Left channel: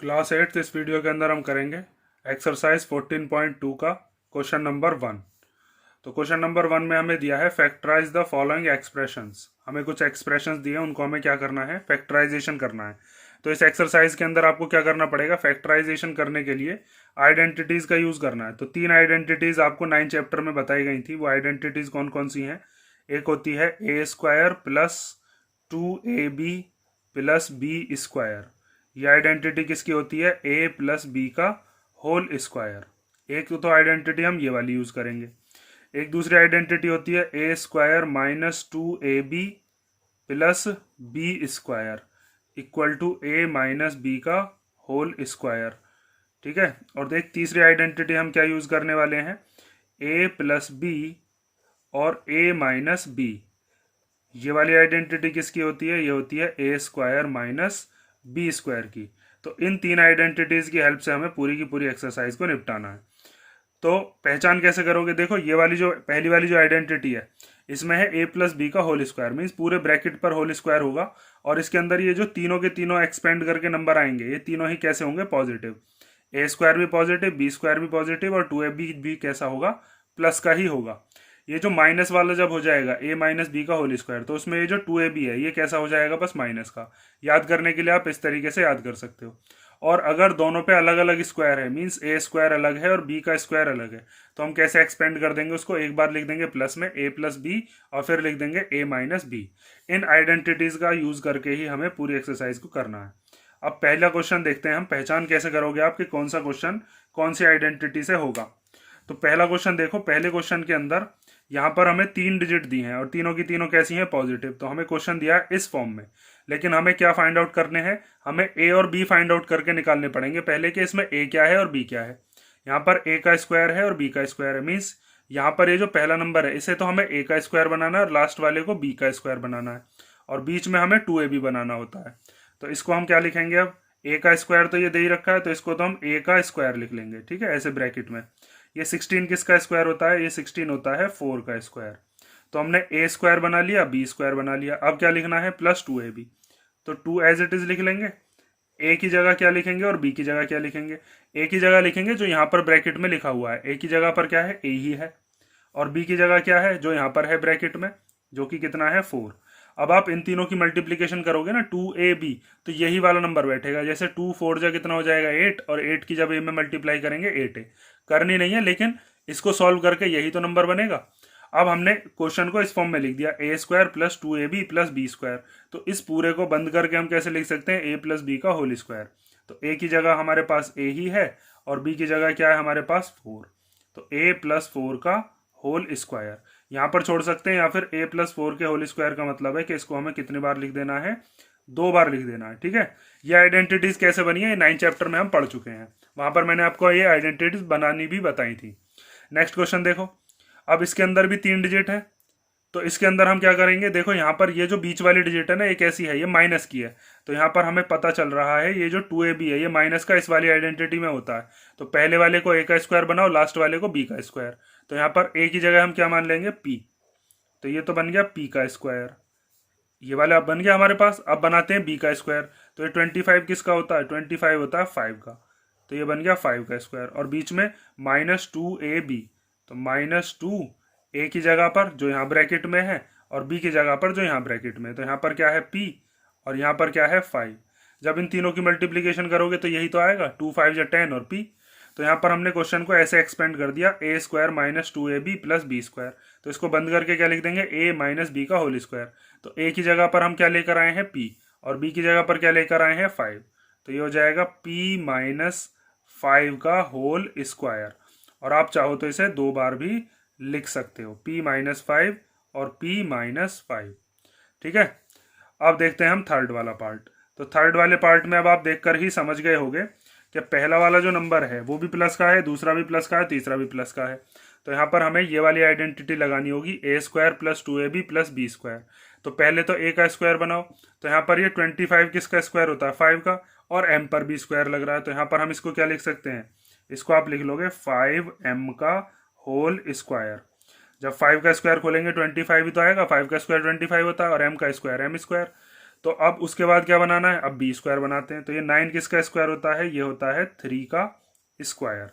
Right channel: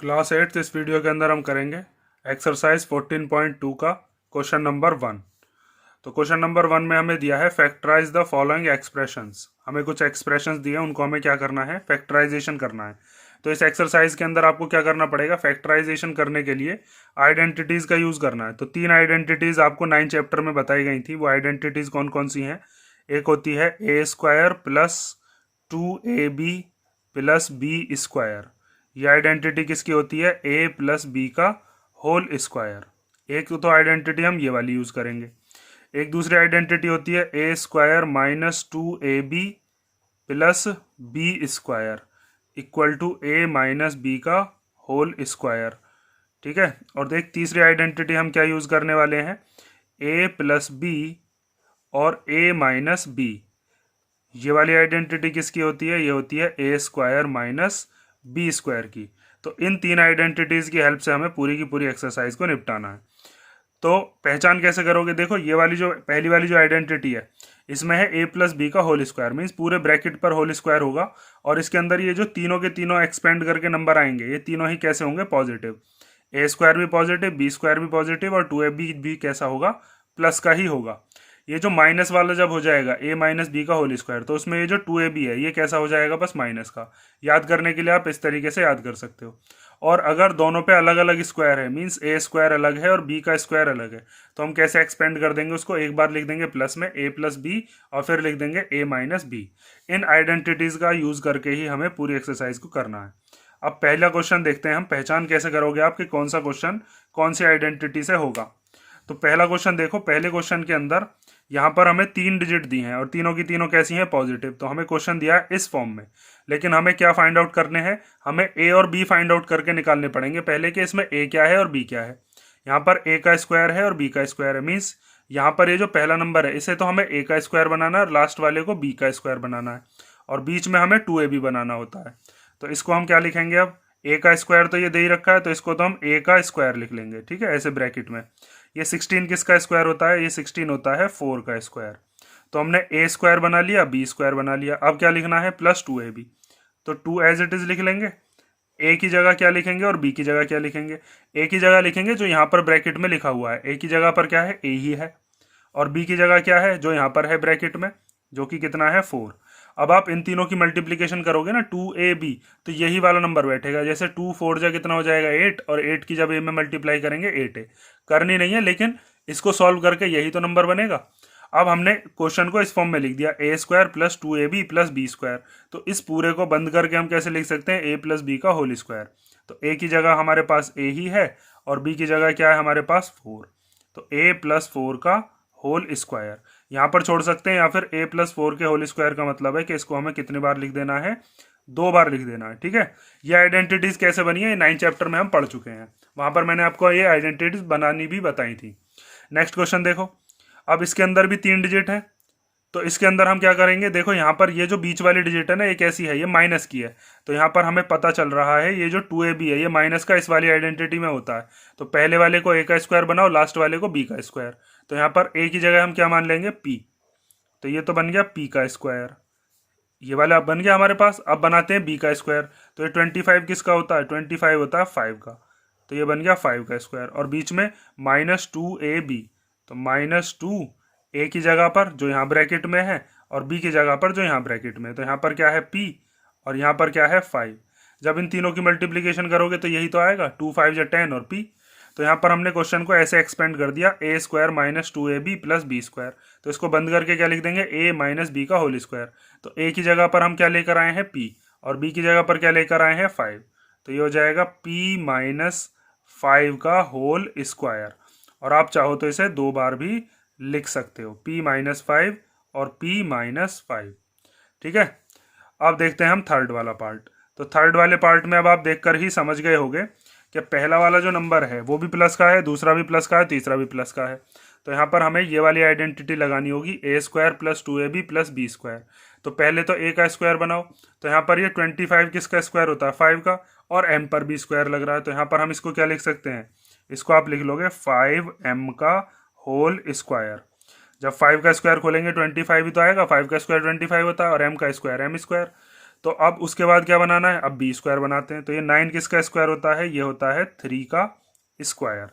Class 8 इस video के अंदर हम करेंगे एक्सरसाइज 14.2 का क्वेश्चन नंबर 1। तो क्वेश्चन नंबर 1 में हमें दिया है फैक्टराइज द फॉलोइंग एक्सप्रेशंस। हमें कुछ एक्सप्रेशंस दिए हैं, उनको हमें क्या करना है, फैक्टराइजेशन करना है। तो इस एक्सरसाइज के अंदर आपको क्या करना पड़ेगा, फैक्टराइजेशन करने के लिए आइडेंटिटीज का यूज करना है। तो 3 आइडेंटिटीज आपको 9 चैप्टर में बताई गई थी। वो आइडेंटिटीज कौन कौन सी हैं? एक होती है a square plus 2ab plus B square. ये आइडेंटिटी किसकी होती है? ए प्लस बी का होल स्क्वायर। एक तो आइडेंटिटी हम ये वाली यूज करेंगे। एक दूसरी आइडेंटिटी होती है a square minus 2ab plus B square equal to a minus B का होल स्क्वायर। ठीक है। और देख, तीसरी आइडेंटिटी हम क्या यूज करने वाले हैं? ए प्लस बी और ए माइनस बी। ये वाली आइडेंटिटी किसकी होती है? ये होती है a square minus B square की। तो इन 3 आइडेंटिटीज की हेल्प से हमें पूरी की पूरी एक्सरसाइज को निपटाना है। तो पहचान कैसे करोगे? देखो, ये वाली जो पहली वाली जो आइडेंटिटी है, इसमें है ए प्लस बी का होल स्क्वायर, मीन्स पूरे ब्रैकेट पर होल स्क्वायर होगा। और इसके अंदर ये जो तीनों के तीनों एक्सपेंड करके नंबर आएंगे, ये तीनों ही कैसे होंगे? पॉजिटिव। ए स्क्वायर भी पॉजिटिव, बी स्क्वायर भी पॉजिटिव, और 2ab भी कैसा होगा? प्लस का ही होगा। ये जो माइनस वाला जब हो जाएगा ए माइनस बी का होल स्क्वायर, तो उसमें ये जो 2ab है ये कैसा हो जाएगा? बस माइनस का। याद करने के लिए आप इस तरीके से याद कर सकते हो। और अगर दोनों पे अलग अलग स्क्वायर है, मीन्स ए स्क्वायर अलग है और बी का स्क्वायर अलग है, तो हम कैसे एक्सपेंड कर देंगे उसको? एक बार लिख देंगे प्लस में ए प्लस बी, और फिर लिख देंगे a minus B. In identities का यूज करके ही हमें पूरी एक्सरसाइज को करना है। अब पहला क्वेश्चन देखते हैं हम। पहचान कैसे करोगे आप कि कौन सा क्वेश्चन कौन सी आइडेंटिटी से होगा? तो पहला क्वेश्चन देखो। पहले क्वेश्चन के अंदर यहाँ पर हमें 3 डिजिट दी हैं और तीनों की तीनों कैसी हैं? पॉजिटिव। तो हमें क्वेश्चन दिया है इस फॉर्म में, लेकिन हमें क्या फाइंड आउट करने हैं? हमें ए और बी फाइंड आउट करके निकालने पड़ेंगे पहले कि इसमें ए क्या है और बी क्या है। यहाँ पर ए का स्क्वायर है और बी का स्क्वायर है, मीन्स यहाँ पर ये जो पहला नंबर है इसे तो हमें ए का स्क्वायर बनाना है और लास्ट वाले को बी का स्क्वायर बनाना है, और बीच में हमें 2ab बनाना होता है। तो इसको हम क्या लिखेंगे अब? ए का स्क्वायर तो ये दे ही रखा है, तो इसको तो हम ए का स्क्वायर लिख लेंगे। ठीक है, ऐसे ब्रैकेट में। ये 16 किसका स्क्वायर होता है? ये 16 होता है 4 का स्क्वायर। तो हमने ए स्क्वायर बना लिया, बी स्क्वायर बना लिया। अब क्या लिखना है? Plus 2ab। तो 2 एज इट इज लिख लेंगे। ए की जगह क्या लिखेंगे और बी की जगह क्या लिखेंगे? ए की जगह लिखेंगे जो यहाँ पर ब्रैकेट में लिखा हुआ है। ए की जगह पर क्या है? ए ही है। और बी की जगह क्या है? जो यहाँ पर है ब्रैकेट में, जो कि कितना है? 4। अब आप इन तीनों की मल्टीप्लीकेशन करोगे ना, 2ab, तो यही वाला नंबर बैठेगा। जैसे 2 4 जा कितना हो जाएगा? 8, और 8 की जब ए में मल्टीप्लाई करेंगे 8 है। करनी नहीं है, लेकिन इसको सॉल्व करके यही तो नंबर बनेगा। अब हमने क्वेश्चन को इस फॉर्म में लिख दिया, a square plus 2ab plus B square. तो इस पूरे को बंद करके हम कैसे लिख सकते हैं? ए प्लस बी का होल स्क्वायर। तो ए की जगह हमारे पास ए ही है, और बी की जगह क्या है हमारे पास? 4। तो ए प्लस 4 का होल स्क्वायर यहाँ पर छोड़ सकते हैं, या फिर ए प्लस 4 के होल स्क्वायर का मतलब है कि इसको हमें कितनी बार लिख देना है? 2 बार लिख देना है। ठीक है। ये आइडेंटिटीज कैसे बनी है, ये 9 चैप्टर में हम पढ़ चुके हैं। वहां पर मैंने आपको ये आइडेंटिटीज बनानी भी बताई थी। नेक्स्ट क्वेश्चन देखो। अब इसके अंदर भी 3 डिजिट है, तो इसके अंदर हम क्या करेंगे? देखो, यहाँ पर ये जो बीच वाली डिजिट है ना, ये कैसी है? ये माइनस की है। तो यहाँ पर हमें पता चल रहा है ये जो 2ab है ये माइनस का इस वाली आइडेंटिटी में होता है। तो पहले वाले को ए का स्क्वायर बनाओ, लास्ट वाले को बी का स्क्वायर। तो यहाँ पर ए की जगह हम क्या मान लेंगे? पी। तो ये तो बन गया पी का स्क्वायर। ये वाला अब बन गया हमारे पास। अब बनाते हैं बी का स्क्वायर। तो ये 25 किसका होता है? 25 होता है 5 का। तो ये बन गया 5 का स्क्वायर, और बीच में -2ab। तो -2 ए की जगह पर जो यहाँ ब्रैकेट में है, और बी की जगह पर जो यहाँ ब्रैकेट में है। तो यहाँ पर क्या है? पी, और यहाँ पर क्या है? 5। जब इन तीनों की मल्टीप्लीकेशन करोगे तो यही तो आएगा, 2 5 10 और पी। तो यहाँ पर हमने क्वेश्चन को ऐसे एक्सपेंड कर दिया, a square minus 2ab plus B square. तो इसको बंद करके क्या लिख देंगे? ए माइनस बी का होल स्क्वायर। तो ए की जगह पर हम क्या लेकर आए हैं? पी, और बी की जगह पर क्या लेकर आए हैं? 5। तो ये हो जाएगा पी माइनस 5 का होल स्क्वायर। और आप चाहो तो इसे 2 बार भी लिख सकते हो, p माइनस 5 और p माइनस 5। ठीक है। अब देखते हैं हम थर्ड वाला पार्ट। तो थर्ड वाले पार्ट में अब आप देखकर ही समझ गए होंगे कि पहला वाला जो नंबर है वो भी प्लस का है, दूसरा भी प्लस का है, तीसरा भी प्लस का है। तो यहाँ पर हमें ये वाली आइडेंटिटी लगानी होगी, a square plus 2ab plus B square. तो पहले तो ए का स्क्वायर बनाओ। तो यहाँ पर ये 25 किसका स्क्वायर होता है? 5 का, और m पर भी स्क्वायर लग रहा है। तो यहाँ पर हम इसको क्या लिख सकते हैं? इसको आप लिख लोगे 5m का होल स्क्वायर। जब 5 का स्क्वायर खोलेंगे 25 ही तो आएगा, 5 का स्क्वायर 25 होता है, और m का स्क्वायर m स्क्वायर। तो अब उसके बाद क्या बनाना है, अब बी स्क्वायर बनाते हैं। तो ये 9 किसका स्क्वायर होता है, ये होता है 3 का स्क्वायर।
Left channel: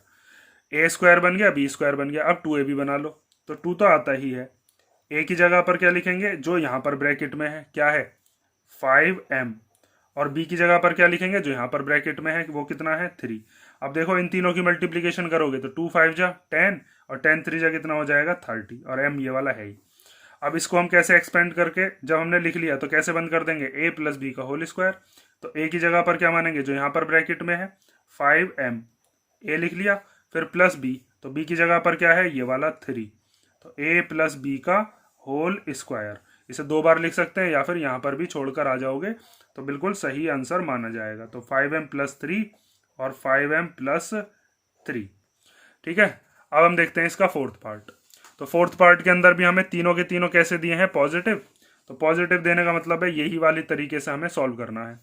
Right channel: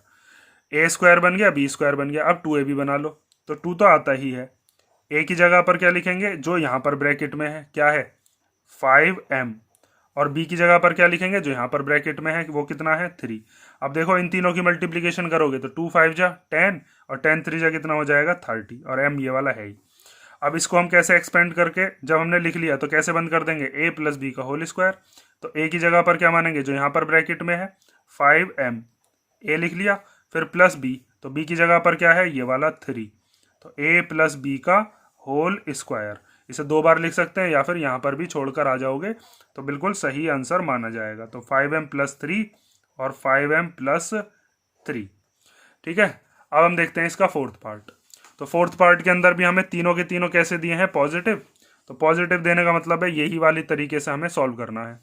ए स्क्वायर बन गया, बी स्क्वायर बन गया। अब 2ab बना लो। तो 2 तो आता ही है। ए की जगह पर क्या लिखेंगे, जो यहाँ पर ब्रैकेट में है, क्या है 5m। और बी की जगह पर क्या लिखेंगे, जो यहाँ पर ब्रैकेट में है, वो कितना है 3। अब देखो इन तीनों की मल्टीप्लीकेशन करोगे तो 2 5 जा 10 और 10 3 जा कितना हो जाएगा 30, और m ये वाला है ही। अब इसको हम कैसे एक्सपेंड करके, जब हमने लिख लिया तो कैसे बंद कर देंगे, a प्लस बी का होल स्क्वायर। तो a की जगह पर क्या मानेंगे, जो यहाँ पर ब्रैकेट में है 5m, a लिख लिया, फिर प्लस b, तो b की जगह पर क्या है ये वाला 3, तो a प्लस बी का होल स्क्वायर। इसे 2 बार लिख सकते हैं या फिर यहाँ पर भी छोड़कर आ जाओगे तो बिल्कुल सही आंसर माना जाएगा। तो 5m प्लस 3 और 5m प्लस 3। ठीक है, अब हम देखते हैं इसका फोर्थ पार्ट। तो फोर्थ पार्ट के अंदर भी हमें तीनों के तीनों कैसे दिए हैं, पॉजिटिव। तो पॉजिटिव देने का मतलब है यही वाली तरीके से हमें सॉल्व करना है।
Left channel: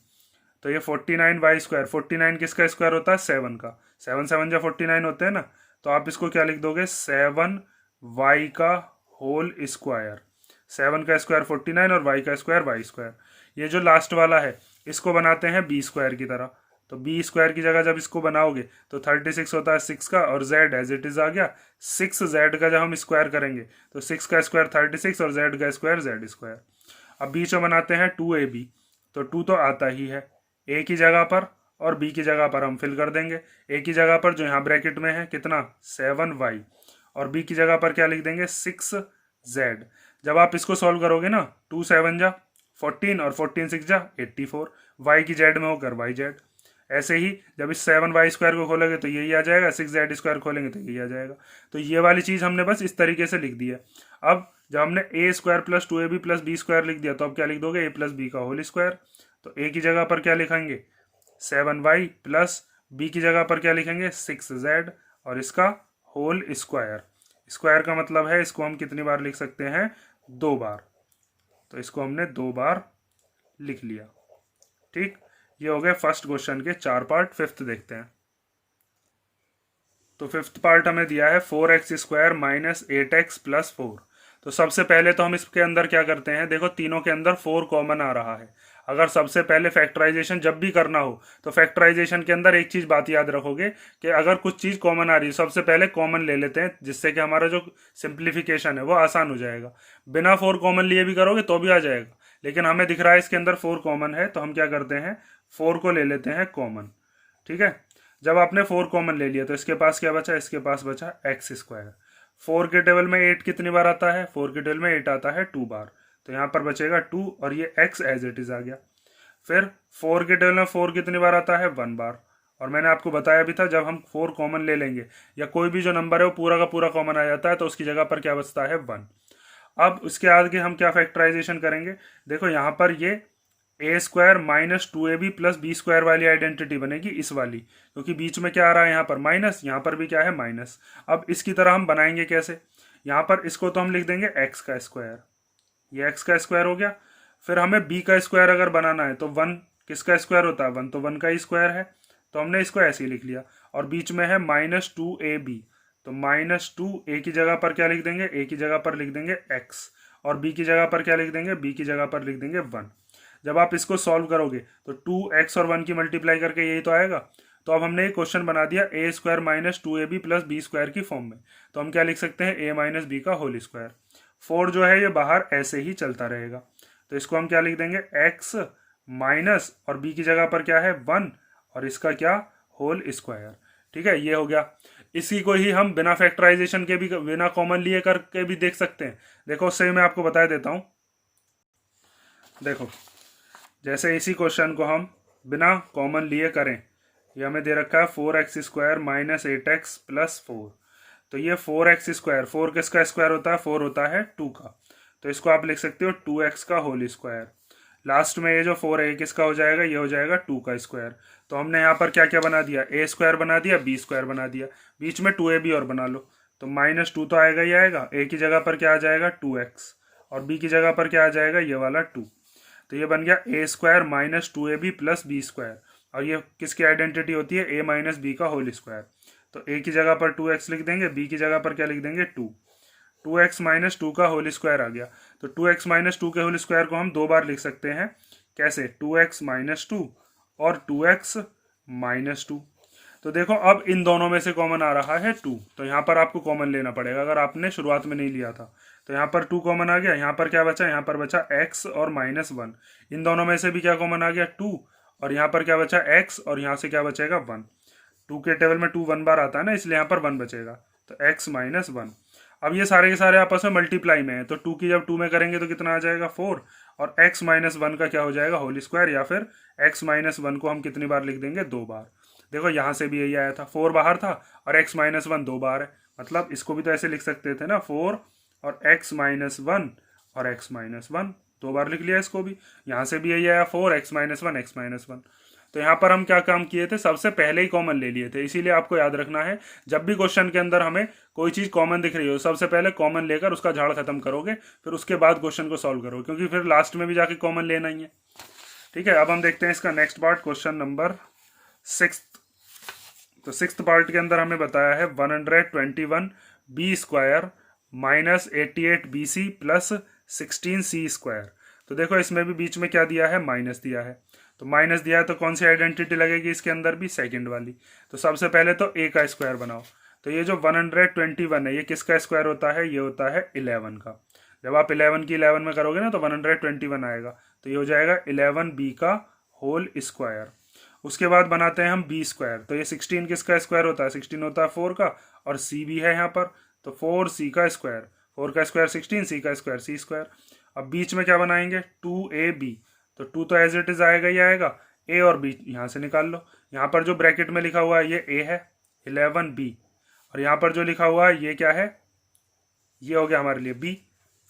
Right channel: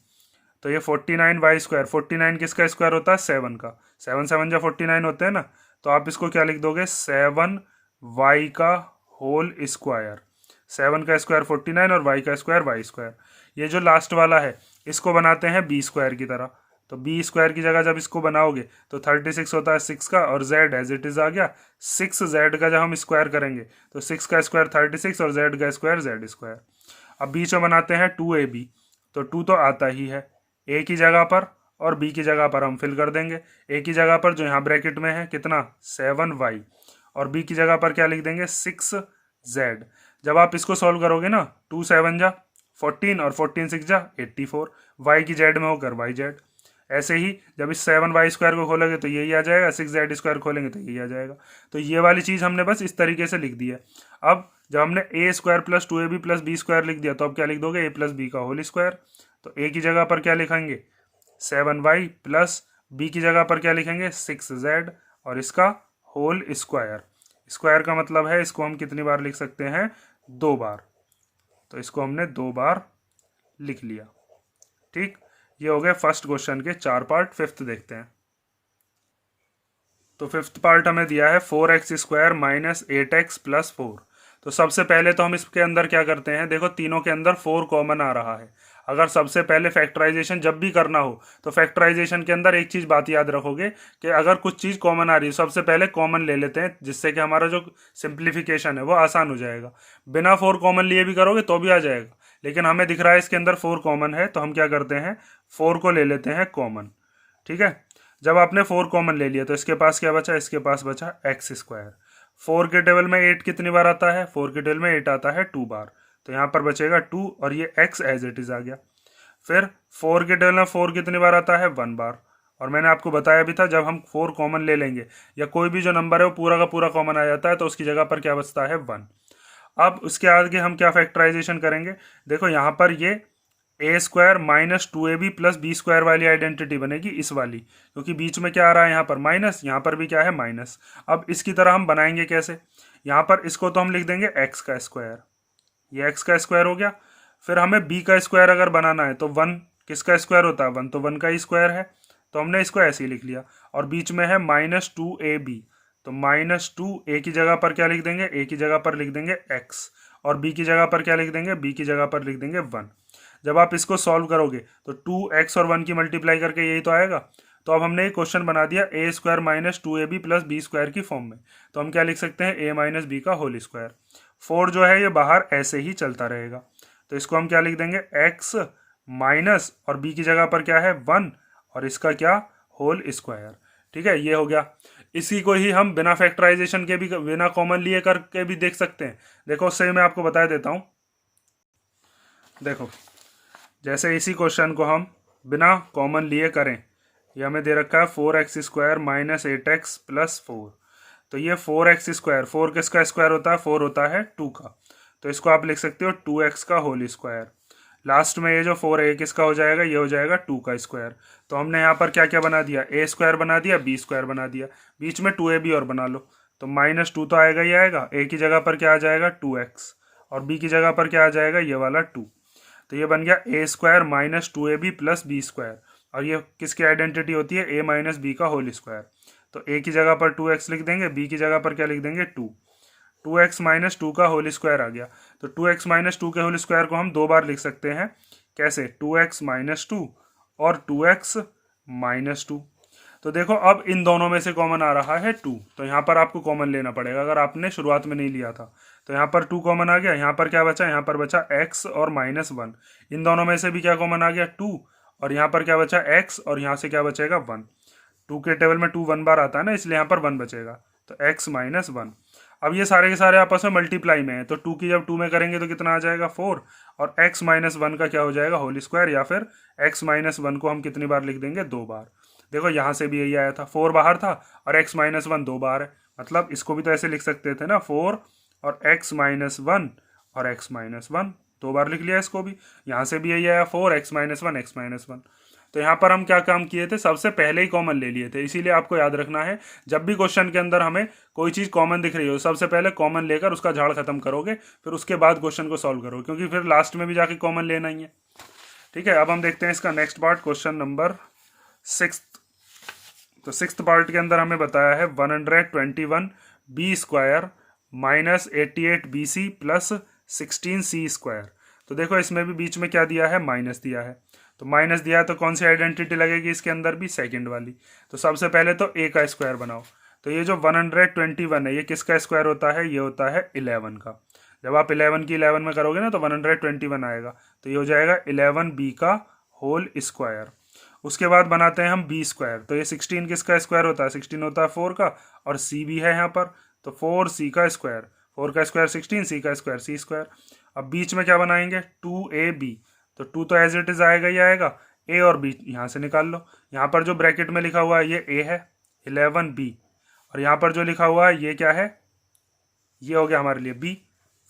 तो ये 49y स्क्वायर, 49 किसका स्क्वायर होता है 7 का, 7 7 जा 49 होते हैं ना। तो आप इसको क्या लिख दोगे, 7y का होल स्क्वायर। 7 का स्क्वायर 49 और y का स्क्वायर y स्क्वायर। ये जो लास्ट वाला है इसको बनाते हैं b स्क्वायर की तरह। तो बी स्क्वायर की जगह जब इसको बनाओगे तो 36 होता है 6 का, और z एज इट इज आ गया 6z का। जब हम स्क्वायर करेंगे तो 6 का स्क्वायर 36 और z का स्क्वायर z स्क्वायर। अब बीच में बनाते हैं 2ab। तो 2 तो आता ही है, a की जगह पर और b की जगह पर हम फिल कर देंगे। a की जगह पर जो यहाँ ब्रैकेट में है कितना 7y, और b की जगह पर क्या लिख देंगे 6z। जब आप इसको सॉल्व करोगे ना, 2 7 जा 14 और 14 6 जा 84, y की z में होकर yz। ऐसे ही जब इस 7y स्क्वायर को खोलेंगे तो यही आ जाएगा, 6z स्क्वायर खोलेंगे तो यही आ जाएगा। तो ये वाली चीज़ हमने बस इस तरीके से लिख दी है। अब जब हमने a square plus 2ab plus B square लिख दिया तो अब क्या लिख दोगे, a प्लस बी का होल स्क्वायर। तो a की जगह पर क्या लिखेंगे 7y, प्लस b की जगह पर क्या लिखेंगे 6z, और इसका होल स्क्वायर। स्क्वायर का मतलब है इसको हम कितनी बार लिख सकते हैं, 2 बार। तो इसको हमने 2 बार लिख लिया। ठीक, ये हो गए फर्स्ट क्वेश्चन के 4 पार्ट। फिफ्थ देखते हैं। तो फिफ्थ पार्ट हमें दिया है 4x square minus 8x plus 4। तो सबसे पहले तो हम इसके अंदर क्या करते हैं, देखो तीनों के अंदर 4 कॉमन आ रहा है। अगर सबसे पहले फैक्टराइजेशन जब भी करना हो तो फैक्टराइजेशन के अंदर एक चीज बात याद रखोगे कि अगर कुछ चीज कॉमन आ रही है सबसे पहले कॉमन ले लेते हैं, जिससे कि हमारा जो सिंप्लीफिकेशन है वो आसान हो जाएगा। बिना 4 कॉमन लिए भी करोगे तो भी आ जाएगा, लेकिन हमें दिख रहा है इसके अंदर 4 कॉमन है तो हम क्या करते हैं 4 को ले लेते हैं कॉमन। ठीक है, जब आपने 4 कॉमन ले लिया तो इसके पास क्या बचा, इसके पास बचा एक्स स्क्वायर। 4 के टेबल में 8 कितनी बार आता है, 4 के टेबल में 8 आता है 2 बार। तो यहाँ पर बचेगा 2 और ये x एज इट इज आ गया। फिर 4 के टेबल में 4 कितनी बार आता है 1 बार। और मैंने आपको बताया भी था जब हम 4 कॉमन ले लेंगे या कोई भी जो नंबर है वो पूरा का पूरा कॉमन आ जाता है तो उसकी जगह पर क्या बचता है 1। अब उसके आगे हम क्या फैक्टराइजेशन करेंगे, देखो यहाँ पर ये a square minus 2ab plus B square वाली आइडेंटिटी बनेगी इस वाली, क्योंकि बीच में क्या आ रहा है यहाँ पर माइनस, यहाँ पर भी क्या है माइनस। अब इसकी तरह हम बनाएंगे कैसे, यहाँ पर इसको तो हम लिख देंगे एक्स का स्क्वायर, ये एक्स का स्क्वायर हो गया। फिर हमें बी का स्क्वायर अगर बनाना है तो 1 किसका स्क्वायर होता है 1, तो 1 का ही स्क्वायर है, तो हमने इसको ऐसे ही लिख लिया। और बीच में है माइनस 2ab, तो माइनस 2 ए की जगह पर क्या लिख देंगे, ए की जगह पर लिख देंगे एक्स, और बी की जगह पर क्या लिख देंगे, बी की जगह पर लिख देंगे 1। जब आप इसको सॉल्व करोगे तो 2x और 1 की मल्टीप्लाई करके यही तो आएगा। तो अब हमने एक क्वेश्चन बना दिया a square minus 2ab plus B square की फॉर्म में। तो हम क्या लिख सकते हैं a माइनस बी का होल स्क्वायर। 4 जो है ये बाहर ऐसे ही चलता रहेगा, तो इसको हम क्या लिख देंगे x माइनस, और b की जगह पर क्या है 1, और इसका क्या होल स्क्वायर। ठीक है, ये हो गया। इसी को ही हम बिना फैक्टराइजेशन के भी, बिना कॉमन लिए करके भी देख सकते हैं। देखो उससे मैं आपको बता देता हूँ। देखो जैसे इसी क्वेश्चन को हम बिना कॉमन लिए करें, ये हमें दे रखा है 4x square minus 8x plus 4। तो ये 4x स्क्वायर, 4 किसका स्क्वायर होता है 4 होता है 2 का, तो इसको आप लिख सकते हो 2x का होल स्क्वायर। लास्ट में ये जो 4 है किसका हो जाएगा, ये हो जाएगा 2 का स्क्वायर। तो हमने यहाँ पर क्या क्या बना दिया, a स्क्वायर बना दिया, b स्क्वायर बना दिया, बीच में 2ab और बना लो। तो माइनस 2 तो आएगा ही आएगा, a की जगह पर क्या आ जाएगा 2x, और b की जगह पर क्या आ जाएगा ये वाला 2। तो ये बन गया a square minus 2ab plus B square, और ये किसकी आइडेंटिटी होती है a माइनस बी का होल स्क्वायर। तो a की जगह पर 2x लिख देंगे, b की जगह पर क्या लिख देंगे 2, 2x माइनस 2 का होल स्क्वायर आ गया। तो 2x माइनस 2 के होल स्क्वायर को हम 2 बार लिख सकते हैं, कैसे, 2x माइनस टू और 2x माइनस टू। तो देखो अब इन दोनों में से कॉमन आ रहा है 2, तो यहाँ पर आपको कॉमन लेना पड़ेगा अगर आपने शुरुआत में नहीं लिया था। तो यहाँ पर 2 कॉमन आ गया, यहाँ पर क्या बचा, यहाँ पर बचा x और -1। इन दोनों में से भी क्या कॉमन आ गया, 2, और यहाँ पर क्या बचा x, और यहाँ से क्या बचेगा 1। 2 के टेबल में 2 1 बार आता है ना, इसलिए यहाँ पर 1 बचेगा, तो x माइनस 1। अब ये सारे के सारे आपस में मल्टीप्लाई में है, तो 2 की जब 2 में करेंगे तो कितना आ जाएगा 4, और x माइनस 1 का क्या हो जाएगा होल स्क्वायर, या फिर x माइनस 1 को हम कितनी बार लिख देंगे, 2 बार। देखो यहाँ से भी यही आया था, 4 बाहर था और x माइनस 1 2 बार है, मतलब इसको भी तो ऐसे लिख सकते थे ना, 4 और x माइनस 1 और x माइनस 1 2 बार लिख लिया इसको भी। यहाँ से भी यही आया 4 x माइनस 1 x माइनस 1। तो यहाँ पर हम क्या काम किए थे, सबसे पहले ही कॉमन ले लिए थे। इसीलिए आपको याद रखना है, जब भी क्वेश्चन के अंदर हमें कोई चीज कॉमन दिख रही हो, सबसे पहले कॉमन लेकर उसका झाड़ खत्म करोगे, फिर उसके बाद क्वेश्चन को सॉल्व करोगे, क्योंकि फिर लास्ट में भी जाके कॉमन लेना ही है। ठीक है, अब हम देखते हैं इसका नेक्स्ट पार्ट, क्वेश्चन नंबर 6। तो 6th पार्ट के अंदर हमें बताया है 121 B square minus 88 B C plus 16 C square. तो देखो इसमें भी बीच में क्या दिया है, माइनस दिया है। तो माइनस दिया है तो कौन सी आइडेंटिटी लगेगी इसके अंदर भी, सेकंड वाली। तो सबसे पहले तो a का स्क्वायर बनाओ। तो ये जो 121 है, ये किसका स्क्वायर होता है, ये होता है 11 का। जब आप 11 की 11 में करोगे ना तो 121 आएगा, तो ये हो जाएगा 11b का होल स्क्वायर। उसके बाद बनाते हैं हम बी स्क्वायर। तो ये 16 किसका स्क्वायर होता है, 16 होता है 4 का, और सी भी है यहाँ पर, तो 4c का स्क्वायर, 4 का स्क्वायर 16, सी का स्क्वायर सी स्क्वायर। अब बीच में क्या बनाएंगे, 2ab। तो 2 तो एज इट इज आएगा ही आएगा, a और b यहाँ से निकाल लो। यहाँ पर जो ब्रैकेट में लिखा हुआ है ये a है, 11b, और यहाँ पर जो लिखा हुआ है ये क्या है, ये हो गया हमारे लिए b,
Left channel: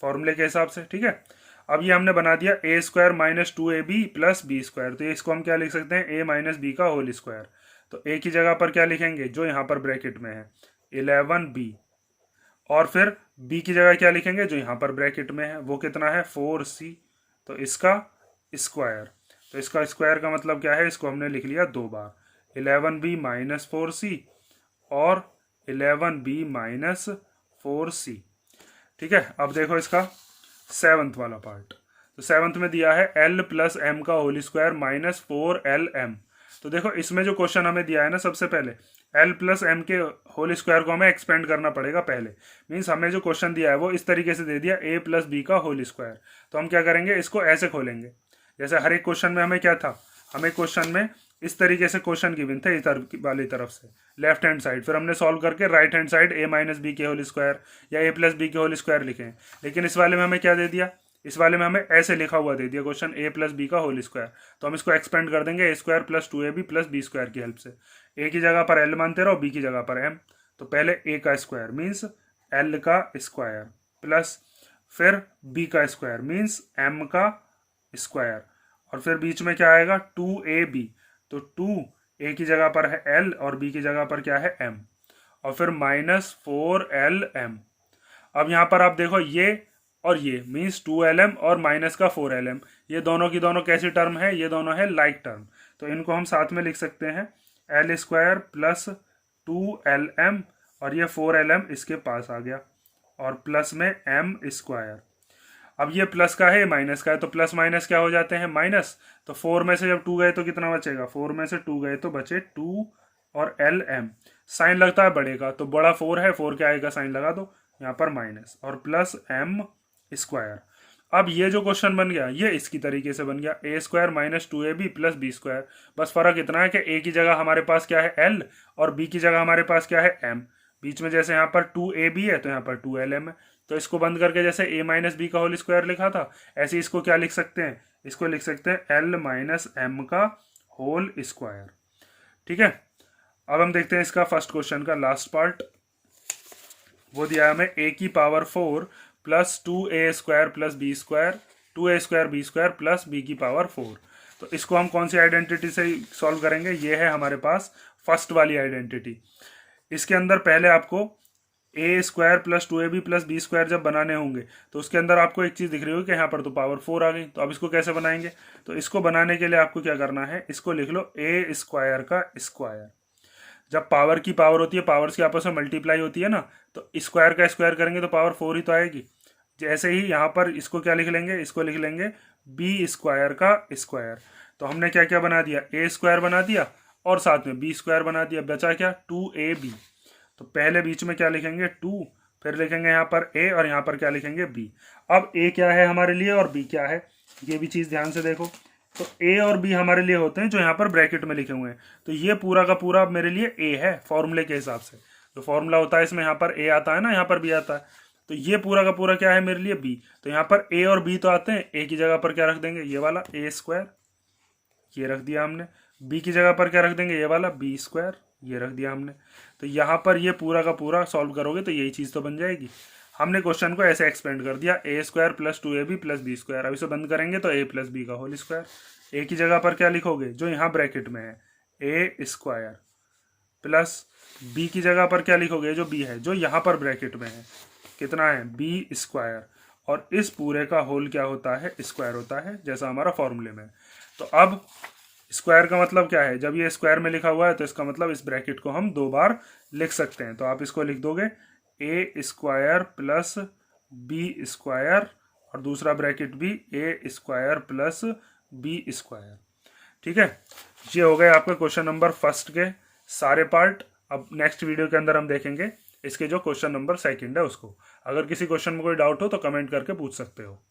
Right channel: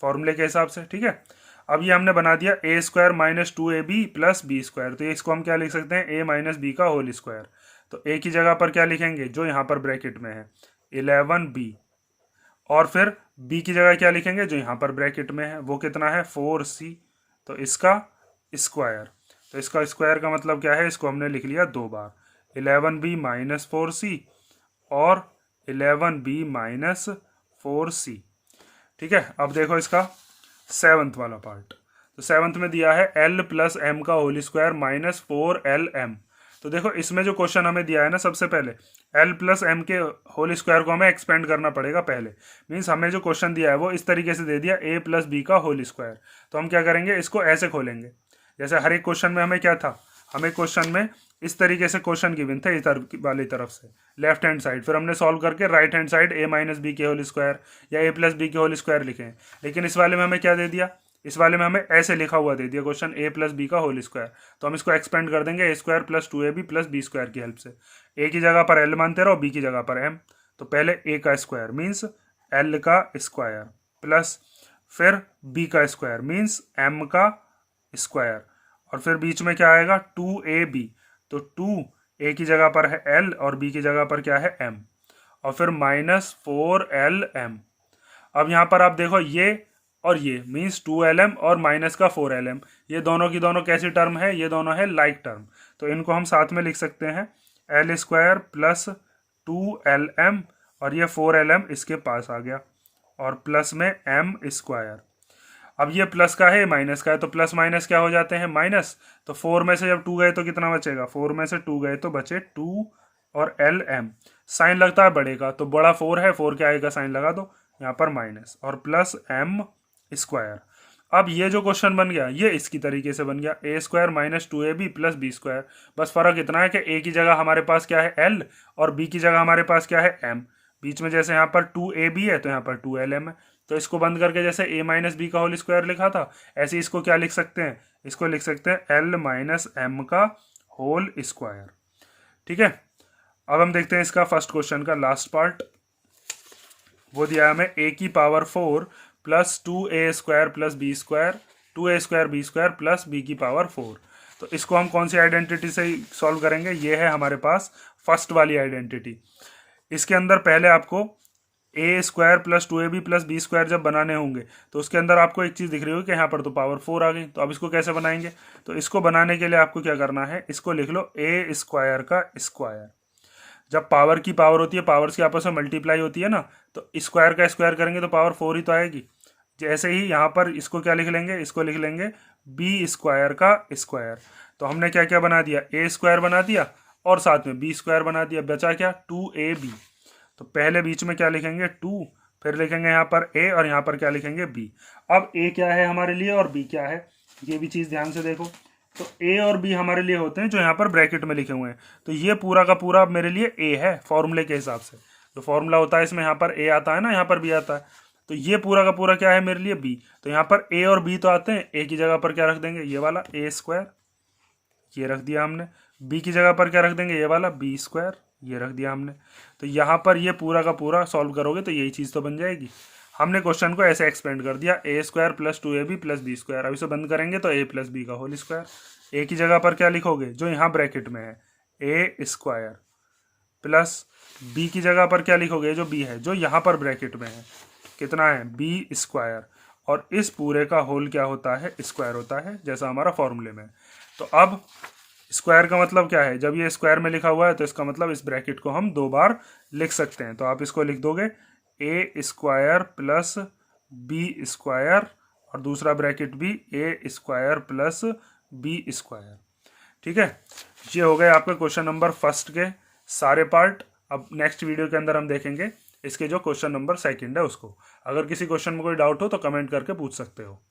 फॉर्मूले के हिसाब से। ठीक है, अब ये हमने बना दिया a square minus 2ab plus B square. तो इसको हम क्या लिख सकते हैं, a माइनस बी का होल स्क्वायर। तो a की जगह पर क्या लिखेंगे, जो यहाँ पर ब्रैकेट में है 11b, और फिर b की जगह क्या लिखेंगे, जो यहाँ पर ब्रैकेट में है वो कितना है 4c, तो इसका स्क्वायर। तो इसका स्क्वायर का मतलब क्या है, इसको हमने लिख लिया 2 बार, 11b माइनस 4c और 11b माइनस 4c। ठीक है, अब देखो इसका 7th वाला पार्ट। तो 7th में दिया है l प्लस एम का होल स्क्वायर माइनस 4lm। तो देखो इसमें जो क्वेश्चन हमें दिया है ना, सबसे पहले l प्लस एम के होल स्क्वायर को हमें एक्सपेंड करना पड़ेगा पहले। मीन्स हमें जो क्वेश्चन दिया है वो इस तरीके से दे दिया, a प्लस बी का होल स्क्वायर। तो हम क्या करेंगे, इसको ऐसे खोलेंगे, जैसे हर एक क्वेश्चन में हमें क्या था, हमें क्वेश्चन में इस तरीके से क्वेश्चन गिवन थे इधर वाली तरफ से लेफ्ट हैंड साइड, फिर हमने सॉल्व करके right hand side a minus B के होल स्क्वायर या a प्लस बी के होल स्क्वायर लिखे। लेकिन इस वाले में हमें क्या दे दिया, इस वाले में हमें ऐसे लिखा हुआ दे दिया क्वेश्चन, a प्लस बी का होल स्क्वायर। तो हम इसको एक्सपेंड कर देंगे a square plus 2ab plus B square की हेल्प से। a की जगह पर l मानते रहो, b की जगह पर m। तो पहले a का स्क्वायर मीन्स l का स्क्वायर प्लस फिर b का स्क्वायर मीन्स m का स्क्वायर, और फिर बीच में क्या आएगा 2ab। तो 2a की जगह पर है l और b की जगह पर क्या है m, और फिर माइनस 4lm। अब यहाँ पर आप देखो ये और ये मीन्स 2lm और माइनस का 4lm, ये दोनों की दोनों कैसी टर्म है, ये दोनों है लाइक टर्म। तो इनको हम साथ में लिख सकते हैं l स्क्वायर प्लस 2lm, और ये 4lm इसके पास आ गया, और प्लस में m स्क्वायर। अब ये प्लस का है माइनस का है, तो प्लस माइनस क्या हो जाते हैं, माइनस। तो 4 में से जब 2 गए तो कितना बचेगा, 4 में से 2 गए तो बचे 2 और lm। साइन लगता है बड़े का, तो बड़ा 4 है, 4 क्या आएगा, साइन लगा दो यहाँ पर माइनस, और प्लस m स्क्वायर। अब ये जो क्वेश्चन बन गया ये इसकी तरीके से बन गया, a square minus 2ab plus B square. बस फर्क इतना है कि a की जगह हमारे पास क्या है l, और b की जगह हमारे पास क्या है m। बीच में जैसे यहाँ पर 2ab है तो यहाँ पर 2lm है। तो इसको बंद करके जैसे a माइनस बी का होल स्क्वायर लिखा था, ऐसे इसको क्या लिख सकते हैं, इसको लिख सकते हैं l माइनस एम का होल स्क्वायर। ठीक है, अब हम देखते हैं इसका फर्स्ट क्वेश्चन का लास्ट पार्ट। वो दिया है हमें a की power 4 plus 2a square plus B square, 2a square B square plus b की पावर 4। तो इसको हम कौन सी आइडेंटिटी से सॉल्व करेंगे, ये है हमारे पास फर्स्ट वाली आइडेंटिटी। इसके अंदर पहले आपको a square plus 2ab plus B square जब बनाने होंगे तो उसके अंदर आपको एक चीज़ दिख रही होगी कि यहाँ पर तो पावर 4 आ गई। तो अब इसको कैसे बनाएंगे, तो इसको बनाने के लिए आपको क्या करना है, इसको लिख लो a स्क्वायर का स्क्वायर। जब पावर की पावर होती है, पावर्स की आपस में मल्टीप्लाई होती है ना, तो स्क्वायर का स्क्वायर करेंगे तो पावर 4 ही तो आएगी। जैसे ही यहाँ पर इसको क्या लिख लेंगे, इसको लिख लेंगे बी स्क्वायर का स्क्वायर। तो हमने क्या क्या बना दिया, ए स्क्वायर बना दिया और साथ में बी स्क्वायर बना दिया, बचा क्या 2ab। तो पहले बीच में क्या लिखेंगे 2, फिर लिखेंगे यहाँ पर a और यहाँ पर क्या लिखेंगे b। अब a क्या है हमारे लिए और b क्या है, ये भी चीज़ ध्यान से देखो। तो a और b हमारे लिए होते हैं जो यहाँ पर ब्रैकेट में लिखे हुए हैं। तो ये पूरा का पूरा मेरे लिए a है फॉर्मूले के हिसाब से, जो फॉर्मूला होता है इसमें यहाँ पर a आता है ना, यहाँ पर b आता है। तो ये पूरा का पूरा क्या है मेरे लिए b। तो यहाँ पर a और b तो आते हैं, a की जगह पर क्या रख देंगे ये वाला a स्क्वायर, ये रख दिया हमने। b की जगह पर क्या रख देंगे ये वाला b स्क्वायर, ये रख दिया हमने। तो यहाँ पर ये पूरा का पूरा सॉल्व करोगे तो यही चीज़ तो बन जाएगी। हमने क्वेश्चन को ऐसे एक्सपेंड कर दिया, a square plus 2ab plus B square. अब इसे बंद करेंगे तो a प्लस बी का होल स्क्वायर। a की जगह पर क्या लिखोगे जो यहाँ ब्रैकेट में है a स्क्वायर, प्लस b की जगह पर क्या लिखोगे जो b है जो यहाँ पर ब्रैकेट में है, कितना है b स्क्वायर। और इस पूरे का होल क्या होता है, स्क्वायर होता है, जैसा हमारा फॉर्मूले में। तो अब स्क्वायर का मतलब क्या है, जब ये स्क्वायर में लिखा हुआ है तो इसका मतलब इस ब्रैकेट को हम 2 बार लिख सकते हैं। तो आप इसको लिख दोगे a square plus B square और दूसरा ब्रैकेट भी a square plus B square. ठीक है, ये हो गए आपके क्वेश्चन नंबर फर्स्ट के सारे पार्ट। अब नेक्स्ट वीडियो के अंदर हम देखेंगे इसके जो क्वेश्चन नंबर सेकंड है उसको। अगर किसी क्वेश्चन में कोई डाउट हो तो कमेंट करके पूछ सकते हो।